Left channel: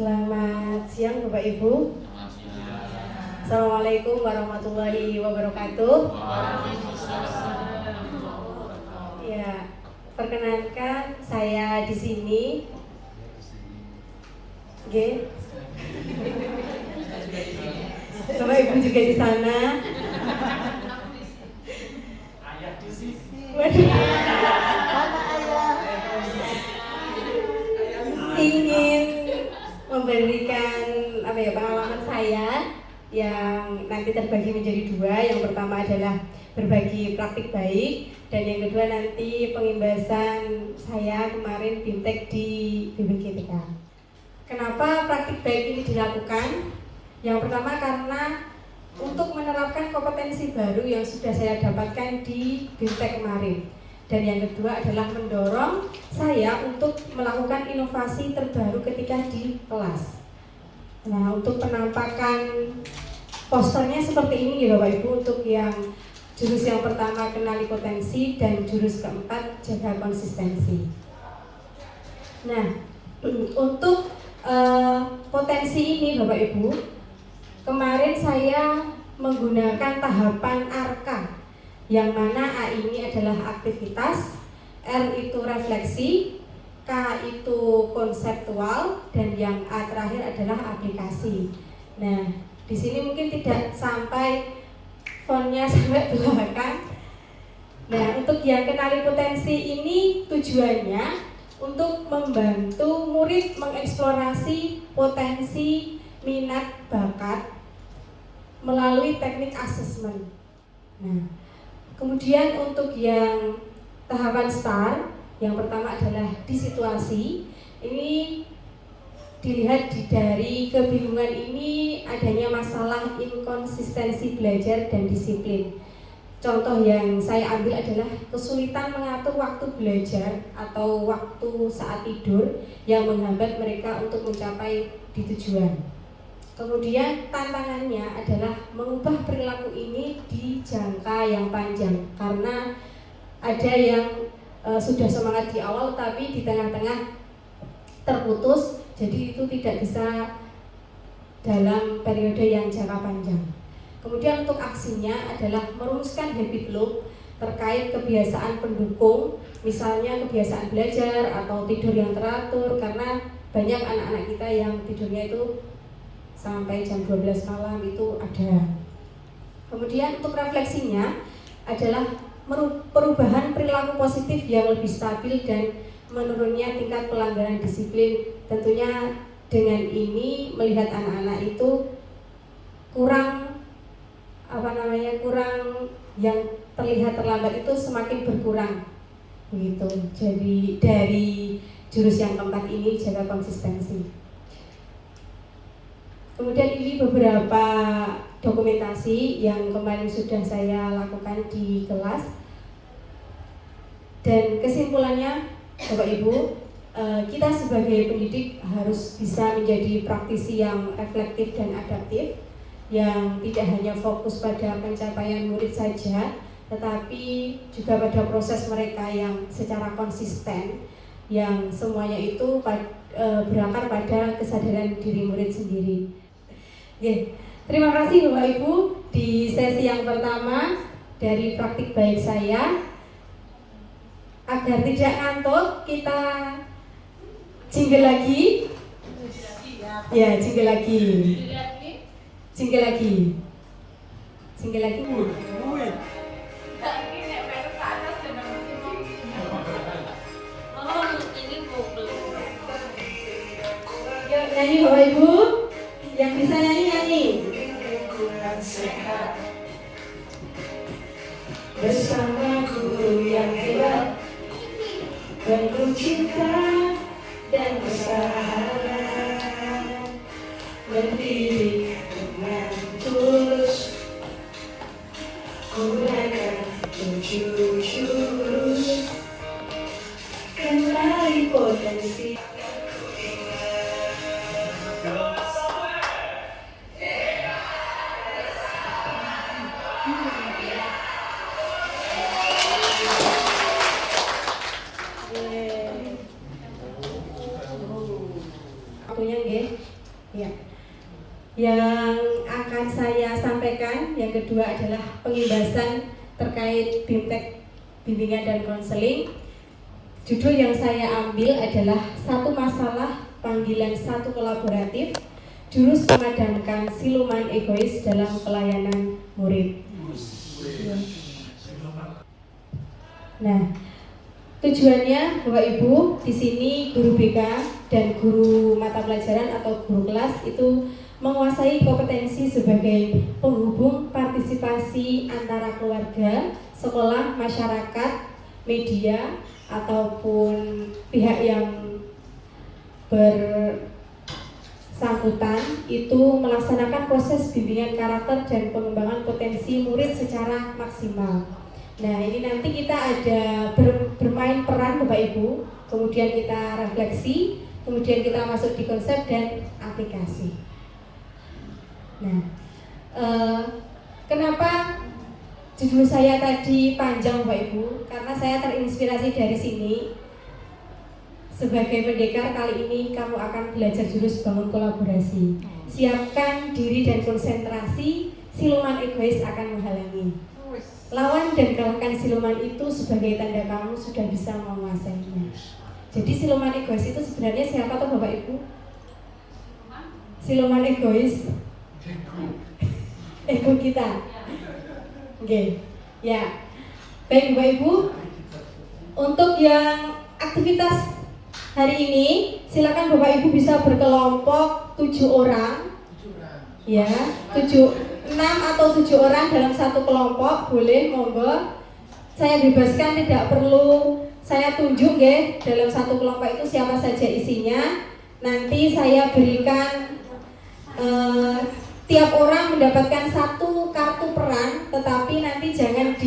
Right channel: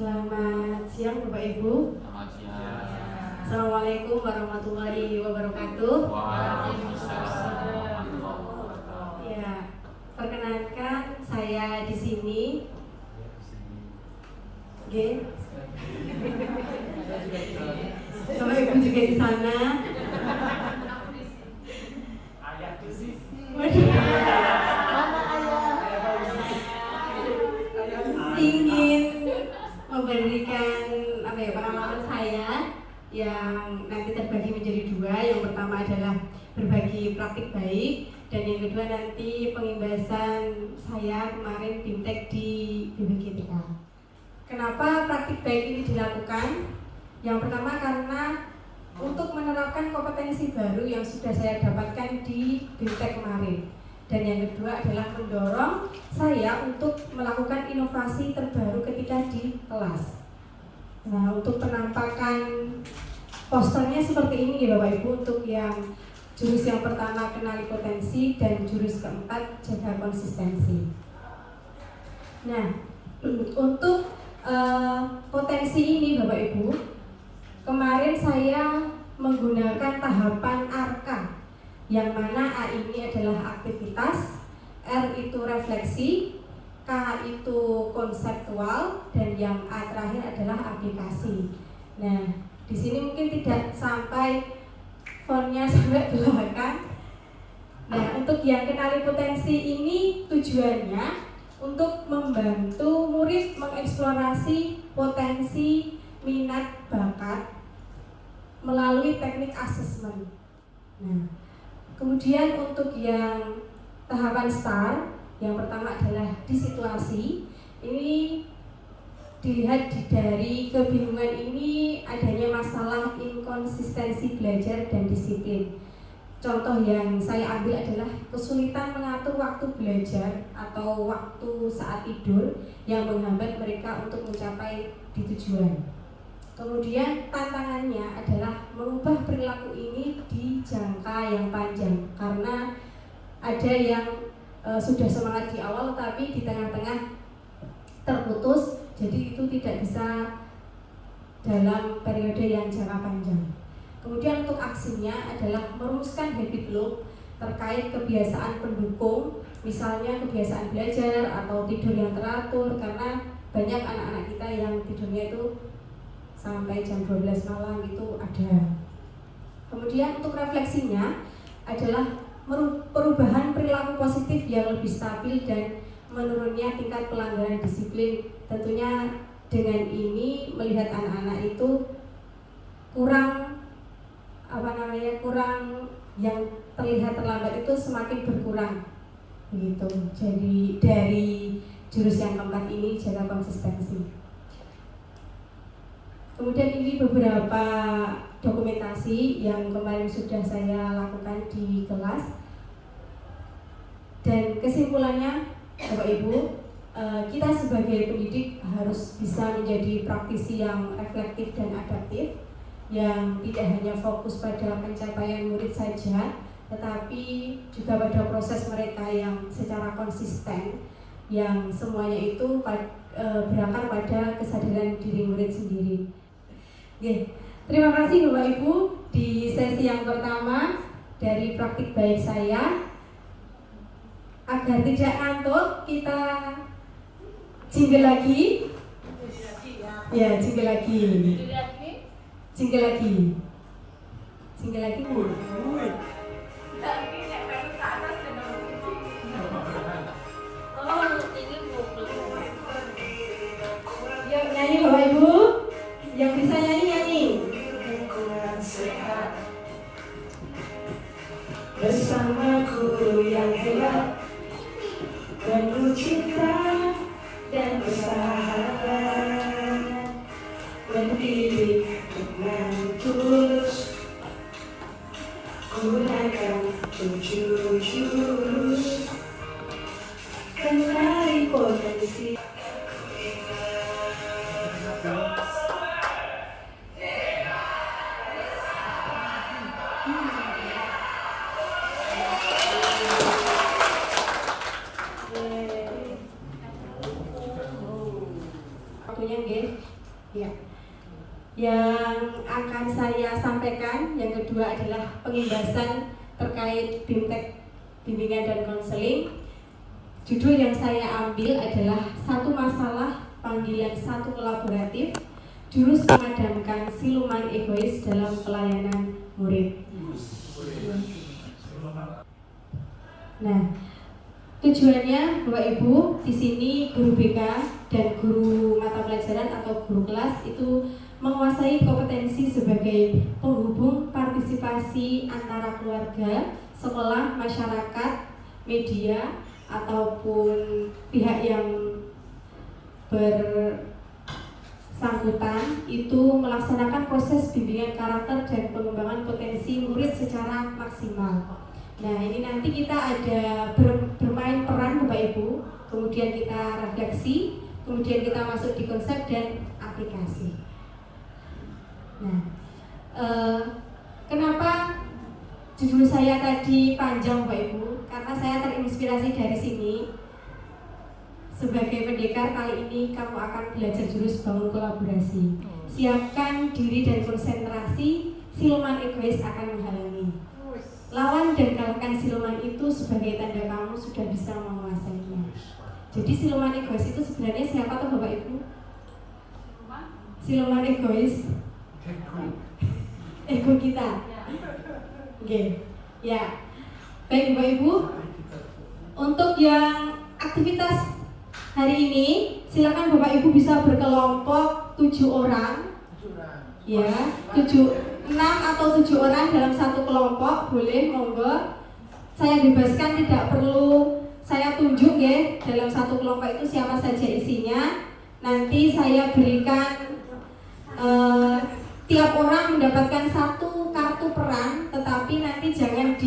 Selamat siang Bapak Ibu. Selamat siang. Assalamualaikum warahmatullahi wabarakatuh. Waalaikumsalam. Ya, perkenalkan saya di sini. Oke. Bapak Ibu juga di sana. Waduh. Ingin memberikan pengalaman saya yang nanti terbagi menjadi dua. Yang pertama adalah berbagi praktik baik, dan yang kedua nanti pengimbasan saya kemarin BIMTEK di BPGTK. Kenapa praktik baik ini dilakukan? Yang pertama karena untuk menerapkan kompetensi baru yang sudah saya dapatkan di BIMTEK kemarin. Dan yang kedua adalah mendorong saya untuk melakukan inovasi terbaru ketika di kelas. Nah, untuk penampakan posternya seperti ini ya Bapak Ibu, untuk yang jurus yang pertama kenali potensi dan jurus keempat jaga konsistensi. Nah, untuk potensi ini Bapak Ibu, kemarin saya menggunakan tahapan ARKA, yang mana A ini adalah aktivitas, R itu refleksi, K itu konseptual, dan yang A terakhir adalah aplikasi. Nah, di sini mungkin tidak sampai fontnya sampai belakang. Nah, untuk yang kenali potensi ini tujuannya untuk membantu murid mengeksplorasi potensi, minat, bakat melalui teknik asesmen. Nah, kemudian untuk yang tahapan STAR, yang pertama adalah di situasi. Ini dilihat dari kebingungan ini adanya masalah inkonsistensi belajar dan disiplin. Contoh yang saya ambil adalah kesulitan mengatur waktu belajar atau waktu saat tidur yang menghambat mereka untuk mencapai di tujuan. Kemudian tantangannya adalah mengubah perilaku ini di jangka yang panjang, karena ada yang sudah semangat di awal tapi di tengah-tengah terputus, jadi itu tidak bisa dalam periode yang jangka panjang. Kemudian untuk aksinya adalah merumuskan habit loop terkait kebiasaan pendukung, misalnya kebiasaan belajar atau tidur yang teratur, karena banyak anak-anak kita yang tidurnya itu sampai jam 12 malam itu ada. Kemudian untuk refleksinya adalah perubahan perilaku positif yang lebih stabil dan menurunnya tingkat pelanggaran disiplin. Tentunya dengan ini melihat anak-anak itu kurang yang terlihat terlambat itu semakin berkurang begitu. Jadi dari jurus yang keempat ini jaga konsistensi. Kemudian ini beberapa dokumentasi yang kemarin sudah saya lakukan di kelas. Dan kesimpulannya Bapak Ibu, kita sebagai pendidik harus bisa menjadi praktisi yang reflektif dan adaptif, yang tidak hanya fokus pada pencapaian murid saja, tetapi juga pada proses mereka yang secara konsisten, yang semuanya itu berakar pada kesadaran diri murid sendiri. Oke, terima kasih Bapak Ibu di sesi yang pertama dari praktik baik saya. Agar tidak ngantuk, kita jingle lagi. Ya, jingle lagi. Jingle lagi. Jingle lagi. Yang nyanyi Bapak Ibu, yang bisa nyanyi. Bersamaku yang hebat dan ku cinta dan bersahabat, mendidik dengan tulus, gunakan 7 jurus, kenali potensi. adalah pengimbasan terkait BIMTEK bimbingan dan konseling. Judul yang saya ambil adalah satu masalah panggilan satu kolaboratif, jurus memadamkan siluman egois dalam pelayanan murid. Nah, tujuannya Bapak Ibu di sini guru BK dan guru mata pelajaran atau guru kelas itu menguasai kompetensi sebagai penghubung partisipasi antara keluarga, sekolah, masyarakat, media, ataupun pihak yang bersangkutan itu melaksanakan proses bimbingan karakter dan pengembangan potensi murid secara maksimal. Nah, ini nanti kita ada bermain peran Bapak Ibu, kemudian kita refleksi, kemudian kita masuk di konsep dan aplikasi. Nah, kenapa judul saya tadi panjang Bapak Ibu? Karena saya terinspirasi dari sini. Sebagai pendekar kali ini kamu akan belajar jurus bangun kolaborasi. Siapkan diri dan konsentrasi, siluman egois akan menghalangi. Lawan dan kalahkan siluman itu sebagai tanda kamu sudah bisa menguasainya. Jadi siluman egois itu sebenarnya siapa tuh Bapak Ibu? Siluman egois ego kita. Oke. Ya. Baik Bapak Ibu, untuk yang aktivitas hari ini silakan Bapak Ibu bisa berkelompok 7 orang. Ya, 6 atau 7 orang dalam satu kelompok, boleh, monggo. Saya bebaskan, tidak perlu saya tunjuk ya dalam satu kelompok itu siapa saja isinya. Nanti saya berikan tiap orang mendapatkan satu kartu peran, tetapi nanti jangan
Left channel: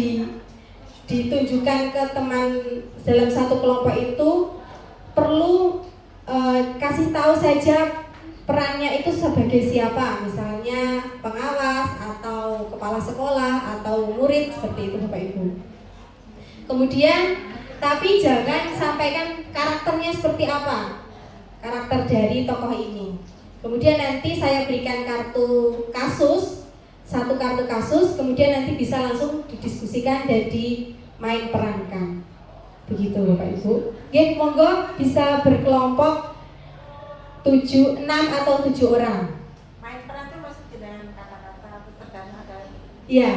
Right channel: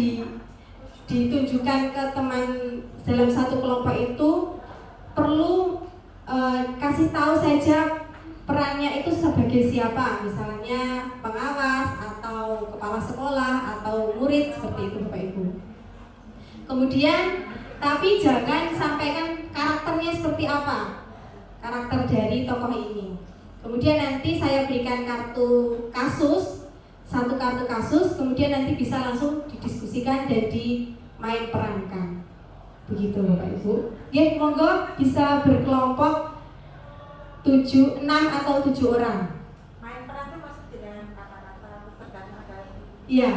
ditunjukkan ke teman dalam satu kelompok itu. Perlu kasih tahu saja perannya itu sebagai siapa, misalnya pengawas atau kepala sekolah atau murid, seperti itu Bapak Ibu. Kemudian tapi jangan sampaikan karakternya seperti apa, karakter dari tokoh ini. Kemudian nanti saya berikan kartu kasus, satu kartu kasus, kemudian nanti bisa langsung didiskusikan dan dimain perankan. Begitu Bapak Ibu. Oke, monggo bisa berkelompok 6 atau 7 orang. Main peran itu masuk dengan kata-kata tergantung dari. Iya.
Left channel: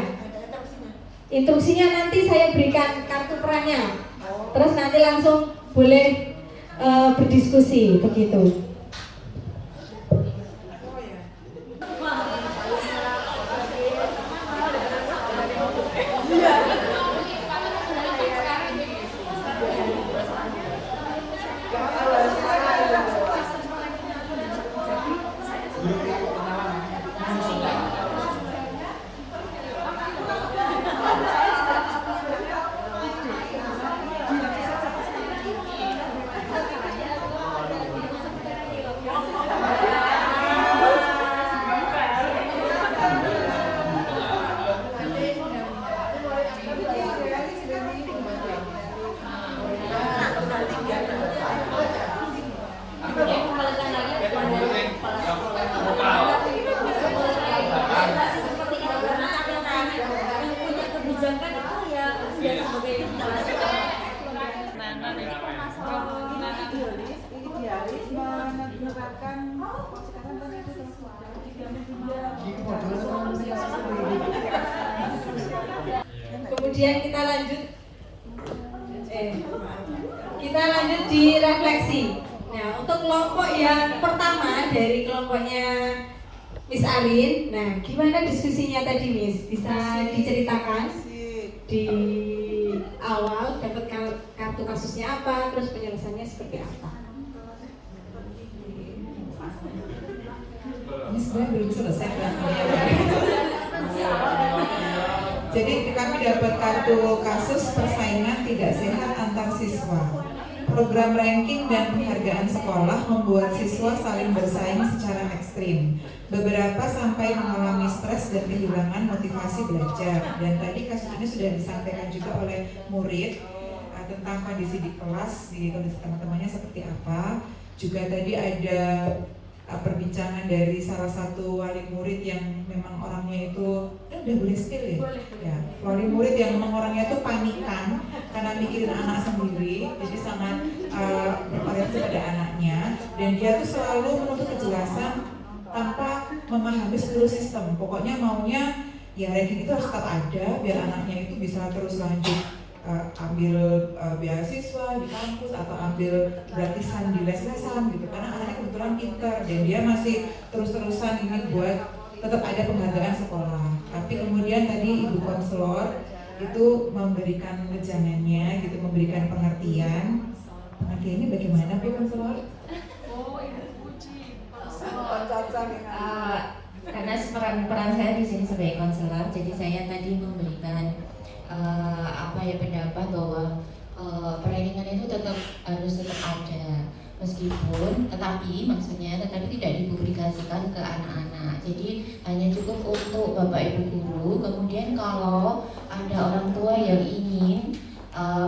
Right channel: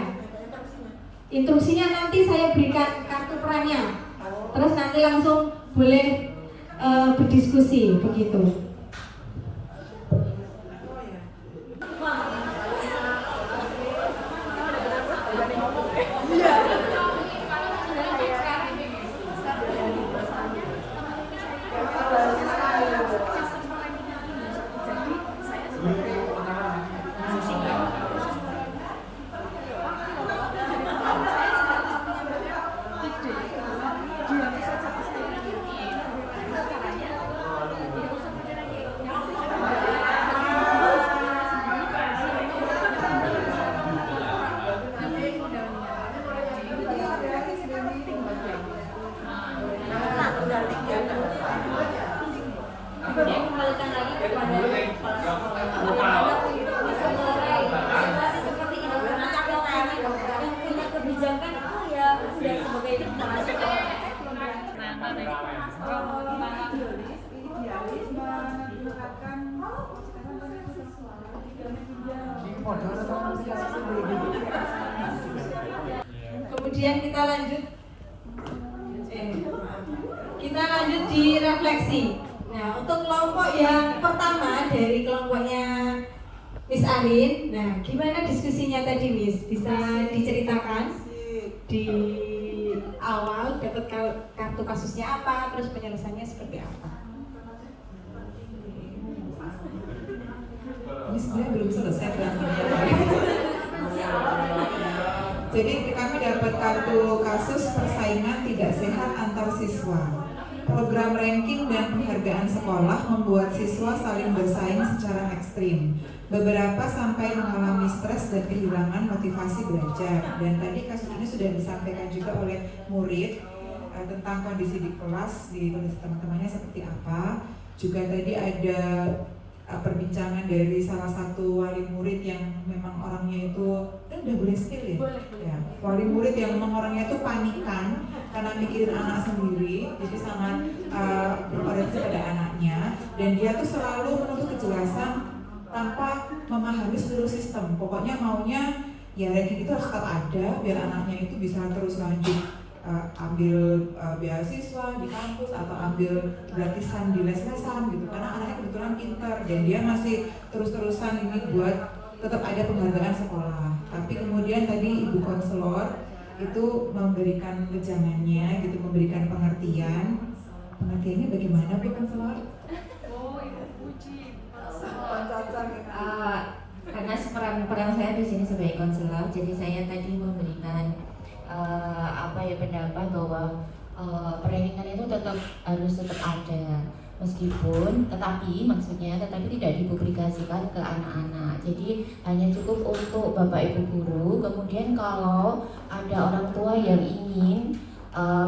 Instruksinya nanti saya berikan kartu perannya. Terus nanti langsung boleh berdiskusi begitu. Kembalikan lagi kepada kepala sekolah. Bisa mulai evaluasi seperti ini. Nanti yang punya kebijakan itu ya udah sebagai kepala sekolah. Kemudian kita lanjut di refleksi. Nah, untuk kelompok yang pertama dari kelompoknya Miss Arin, nah gimana diskusinya tadi Miss? Bisa diceritakan di awal dapat kartu kasusnya apa, terus penyelesaiannya seperti apa? Ini sebenarnya belum selesai Jadi kami dapat kartu kasus persaingan tidak sehat antar siswa. Program ranking dan penghargaan sekolah membuat siswa saling bersaing secara ekstrim. Beberapa sampai mengalami stres dan kehilangan motivasi belajar. Dan tadi kasus ini sudah disampaikan juga oleh murid tentang kondisi di kelas, di kondisi teman-temannya seperti apa. Juga tadi ada perbincangan dari salah satu wali murid yang memang orangnya itu udah boleh skill ya? Ya, wali murid yang memang orangnya itu panikan karena mikirin anak sendiri, jadi sangat berorientasi pada anaknya, dan dia tuh selalu menuntut kejelasan tanpa memahami seluruh sistem. Pokoknya maunya ya ranking itu harus tetap ada biar anaknya itu bisa terus lanjut ambil beasiswa di kampus atau ambil gratisan di les-lesan gitu, karena anaknya kebetulan pintar dan dia masih terus-terusan ini buat tetap ada penghargaan sekolah. Tapi kemudian tadi ibu konselor itu memberikan wejangannya gitu, memberikan pengertian. Pengertiannya bagaimana Bu konselor? Karena peran saya di sini sebagai konselor, jadi saya tadi memberikan pendapat bahwa perlindungan itu harus tetap ada, meskipun tetapi tidak dipublikasikan ke anak-anak. Jadi hanya cukup untuk bapak ibu guru. Kemudian kalau ada orang tua yang ingin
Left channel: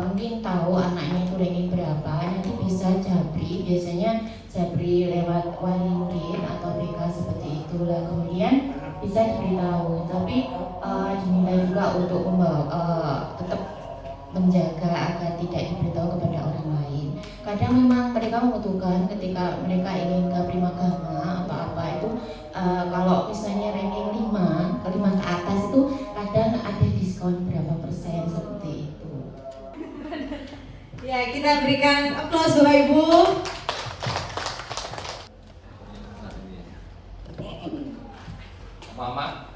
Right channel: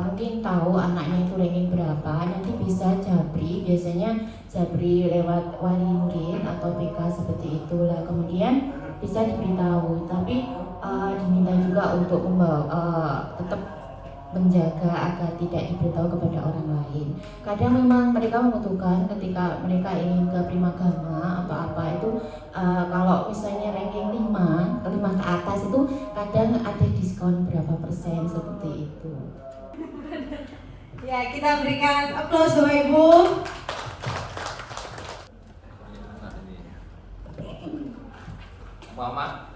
mungkin tahu anaknya itu ranking berapa, nanti bisa Jabri, biasanya Jabri lewat wali murid atau BK seperti itulah, kemudian bisa diberitahu. Tapi diminta juga untuk tetap menjaga agar tidak diberitahu kepada orang lain. Kadang memang mereka membutuhkan ketika mereka ingin ke primagama atau apa itu, kalau misalnya ranking 5 ke atas itu kadang ada diskon berapa persen seperti itu. Ya, kita berikan aplaus Bapak Ibu. Mama,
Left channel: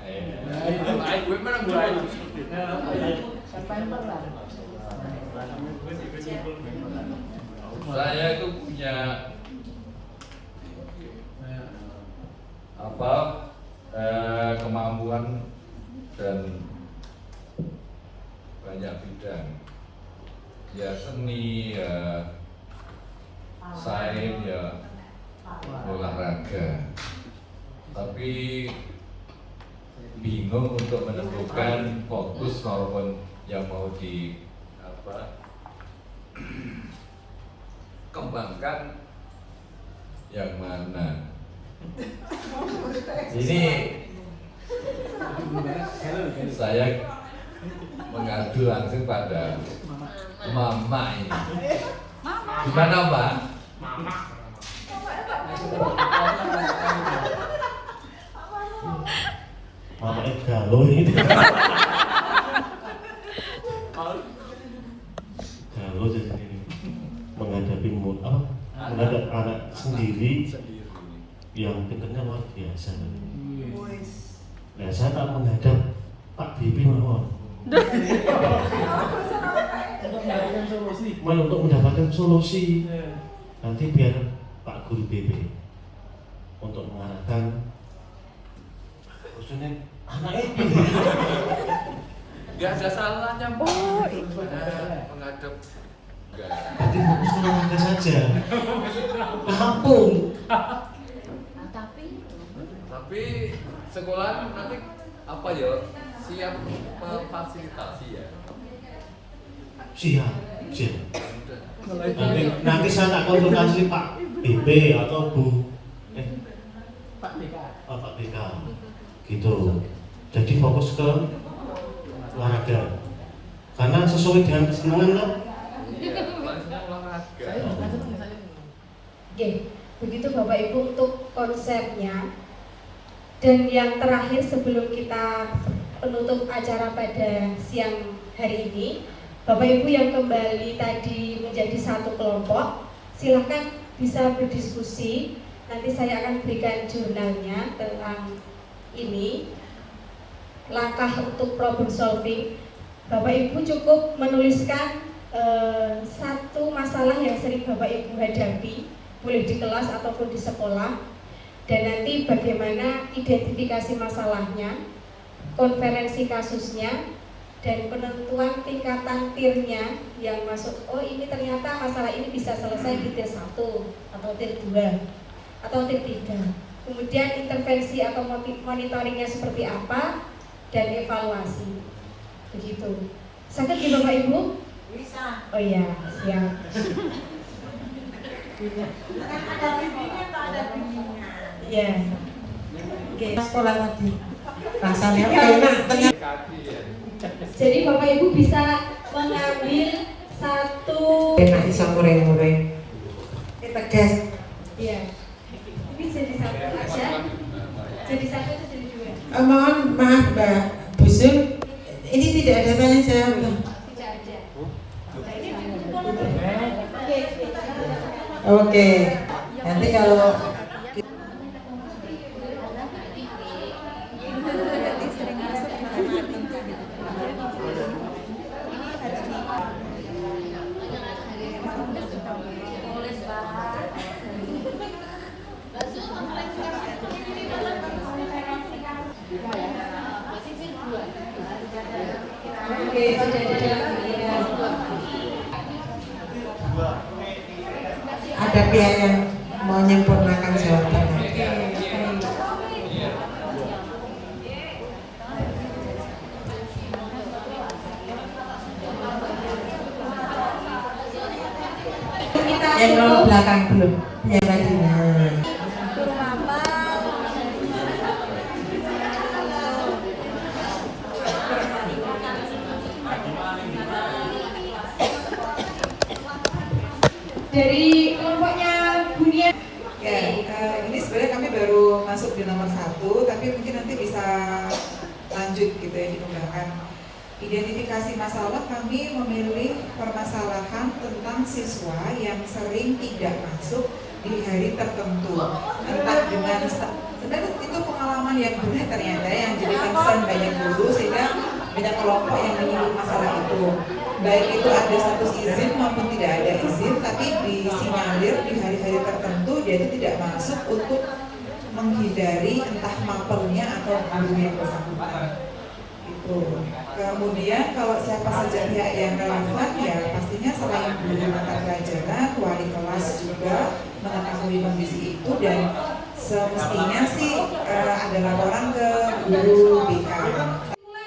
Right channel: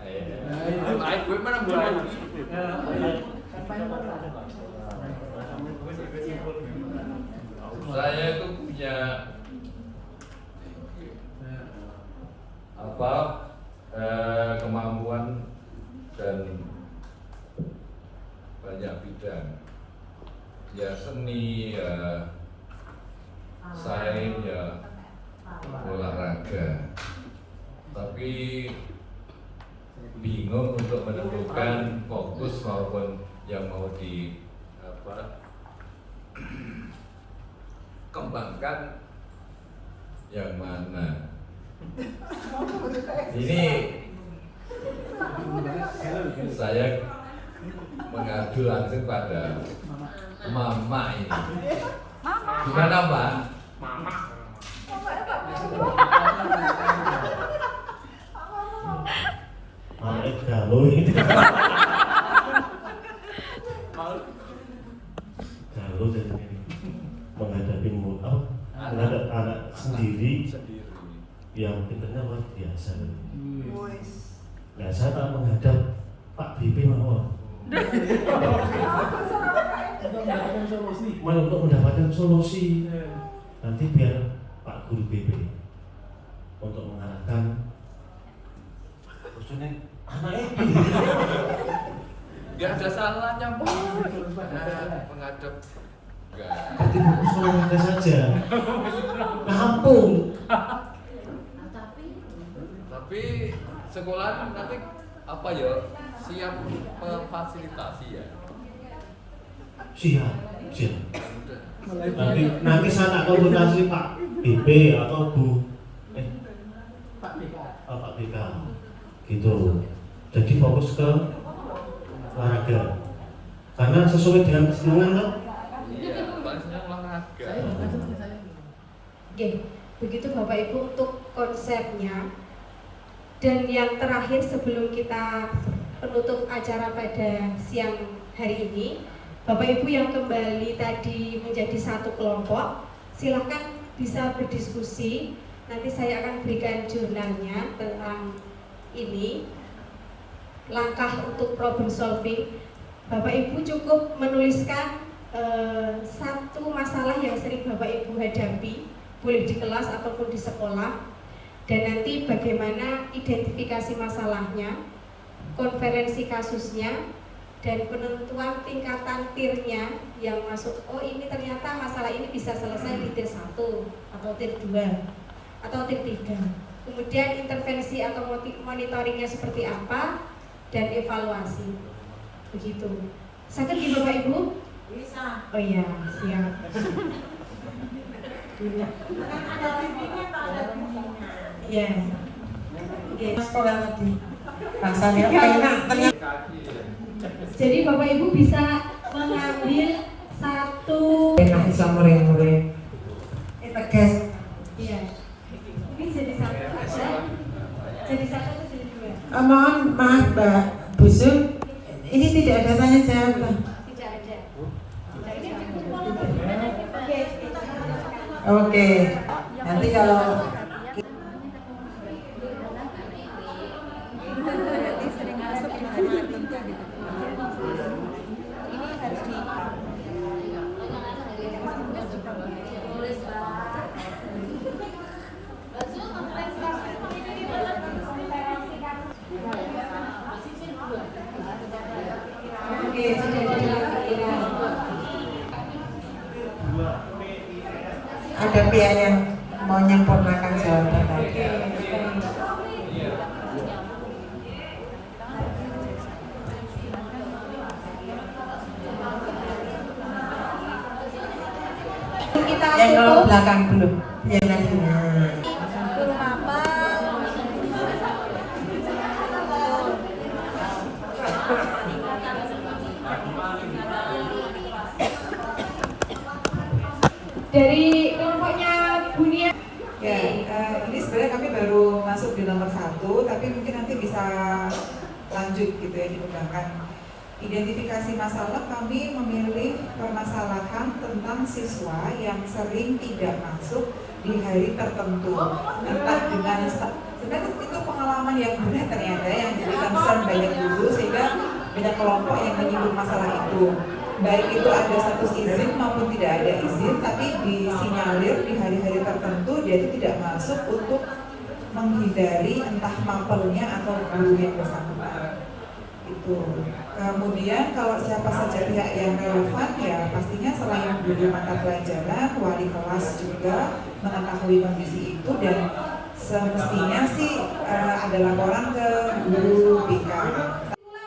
gue mana gue? Saya itu punya kemampuan dan banyak bidang. Ya seni, ya sains, ya olahraga. Tapi bingung untuk menentukan fokus maupun yang mau kembangkan yang mana. Ini saya mengadu langsung pada mama ini. Gimana Mbak? Mama. Mama galau ini. Galau jadi ini menghadapi menghadap anak sendiri yang pintarnya luar biasa. Nah, saya tak menghadap Pak BP mawon. Untuk mendapatkan solusi. Nanti biar Pak Guru BP untuk mengarahkan anak itu. Gak ada salahnya menghadap. Jadi fokus olahraga saja. Kampung. Tapi sekolah nanti apa ya, siap memfasilitasi ya. Siap. Nanti saya tak konsultasi Pak BP atau Bu Pak BK gitu. Jadi fokus ke olahraga karena sesuai dengan kesenangan kan. Iya, paling senang olahraga. Oke, begitu Bapak Ibu untuk konsepnya. Dan yang terakhir sebelum kita penutup acara pada siang hari ini, Bapak Ibu yang kembali tadi menjadi satu kelompok, silakan bisa berdiskusi. Nanti saya akan berikan jurnalnya tentang ini, langkah untuk problem solving. Bapak Ibu cukup menuliskan satu masalah yang sering Bapak Ibu hadapi, boleh di kelas ataupun di sekolah, dan nanti bagaimana identifikasi masalahnya, konferensi kasusnya, dan penentuan tingkatan tirnya yang masuk. Oh, ini ternyata masalah ini bisa selesai di tir 1 atau tir 2 atau tir 3. Kemudian intervensi atau monitoringnya seperti apa, dan evaluasi. Begitu. Sakit di Bapak Ibu? Bisa. Oh iya, siap. Kan ada bimbingan atau ada bimbingan? Ya. Oke. Sekolah tadi rasanya enak ternyata. Jadi Bapak Ibu bisa mengambil satu. Enak bisa mureng-mureng. Tegas. Iya. Ini jadi satu aja. Jadi satu atau jadi dua? Mohon maaf Mbak Busu, ini tidak ada tanya jawab. Tidak ada. Oke. Nanti kalau sering masuk di hari tertentu gitu. Ini harus di tulis Pak. Oke, sudah ada dalam pikiran. ada pihak yang mau menyempurnakan jawaban tadi. Kita Yang nomor tutup. belakang belum, yang tadinya. Turun apa? Dari kelompoknya Bunia. Ya, ini sebenarnya kami baru masuk di nomor 1, tapi mungkin nanti bisa lanjut gitu ya, dikembangkan. Identifikasi masalah, kami memilih permasalahan tentang siswa yang sering tidak masuk di hari tertentu. Entah dengan sebenarnya itu pengalaman yang benar ternyata yang jadi concern banyak guru, sehingga banyak kelompok yang menyinggung masalah itu. Baik itu ada status izin maupun tidak ada izin, tapi disinyalir di hari-hari tertentu dia itu tidak masuk untuk menghindari entah mapelnya atau guru yang bersangkutan. Itu. Kemudian kalau siapa saja pihak yang relevan ya pastinya selain guru mata pelajaran, wali kelas juga mengetahui kondisi itu dan semestinya sih ada laporan ke guru BK.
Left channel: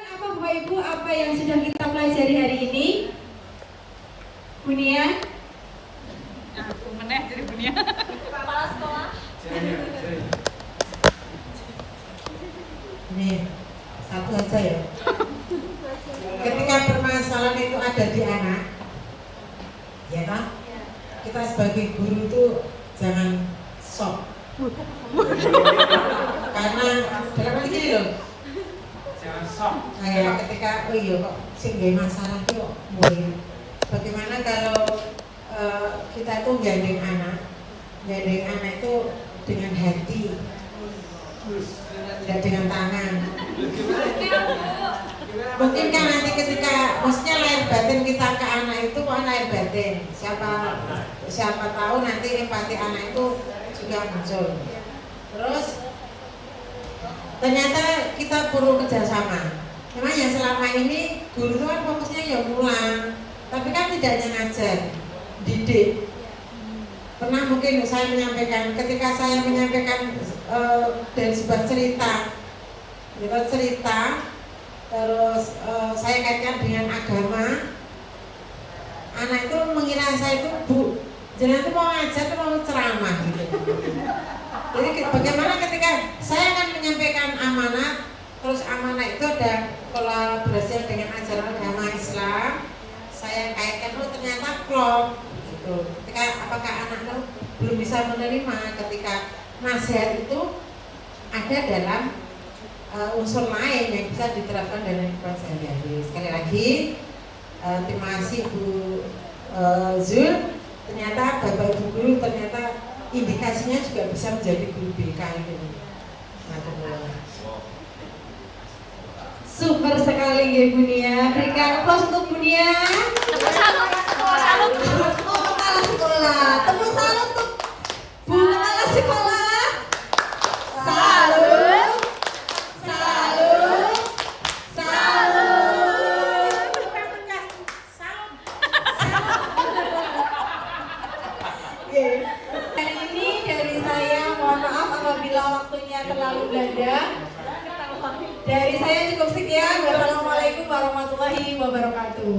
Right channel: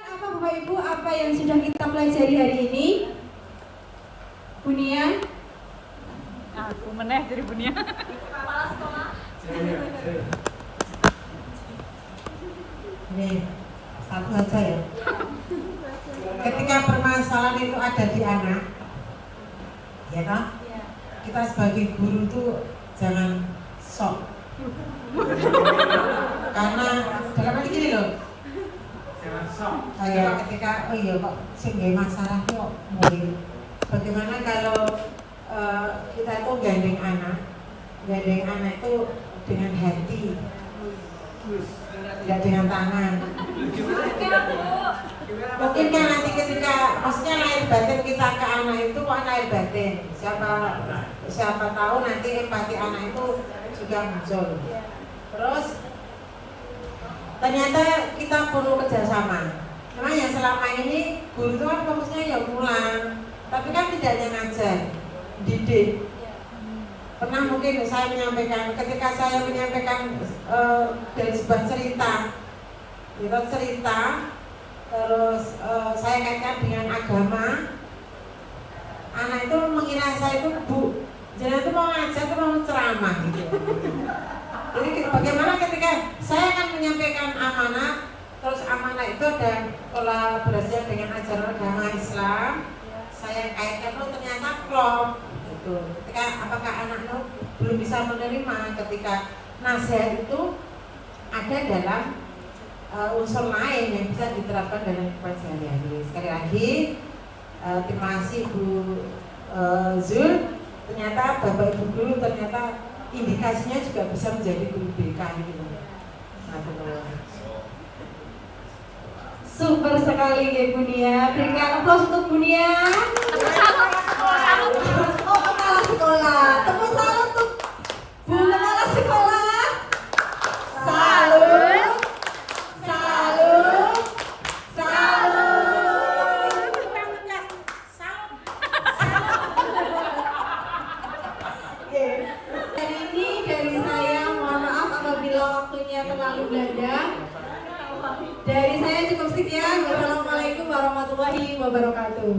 Apa Bapak Ibu, apa yang sudah kita pelajari hari ini? Bunia? Aku meneh dari Bunia. Ini satu aja ya. Ketika permasalahan itu ada di anak, ya kan? Kita sebagai guru itu jangan sok. Karena dalam hal ini loh. Kayak ketika oh iya kok sing gawe masalah kok mulai. Bagaimana kalau kita itu gandeng anak itu dengan hati, tidak dengan tangan. Mungkin kan nanti ketika maksudnya lahir batin kita ke anak itu kok lahir batin. Siapa tahu nanti empati anak itu juga muncul. Terus ternyata kita perlu kerjasama. Memang yang selama ini guru itu kan fokusnya ya pulang, tapi kan tidak hanya ngajar, didik. Pernah mungkin saya menyampaikan, ketika saya menyampaikan dari sebuah cerita, terus saya kaitkan dengan agama, anak itu mengira saya itu bu, jangan itu mau ngajar, itu mau ceramah gitu. Jadi bagaimana ketika saya akan menyampaikan amanat, terus amanat itu ada kolaborasi dengan ajaran agama Islam, saya kaitkan itu ternyata klop. Ketika apakah anak belum bisa menerima ketika nasihat itu ada dalam unsur lain yang bisa diterapkan dalam kehidupan sehari-hari. Sekali lagi terima kasih Bu Zul. Ternyata Bapak Ibu guru ternyata indikasinya juga bisa menjadi guru BK itu. Super sekali ya Bunia. Berikan aplaus untuk Bunia. Tepuk salut ya sekolah. Sekolah. Tepuk salut untuk Bu Kepala Sekolah. Salut. Salut. Salut. Oke. Hari ini dari saya mohon maaf apabila waktunya terlalu belanda. Dari saya cukup sekian. Wassalamualaikum warahmatullahi wabarakatuh.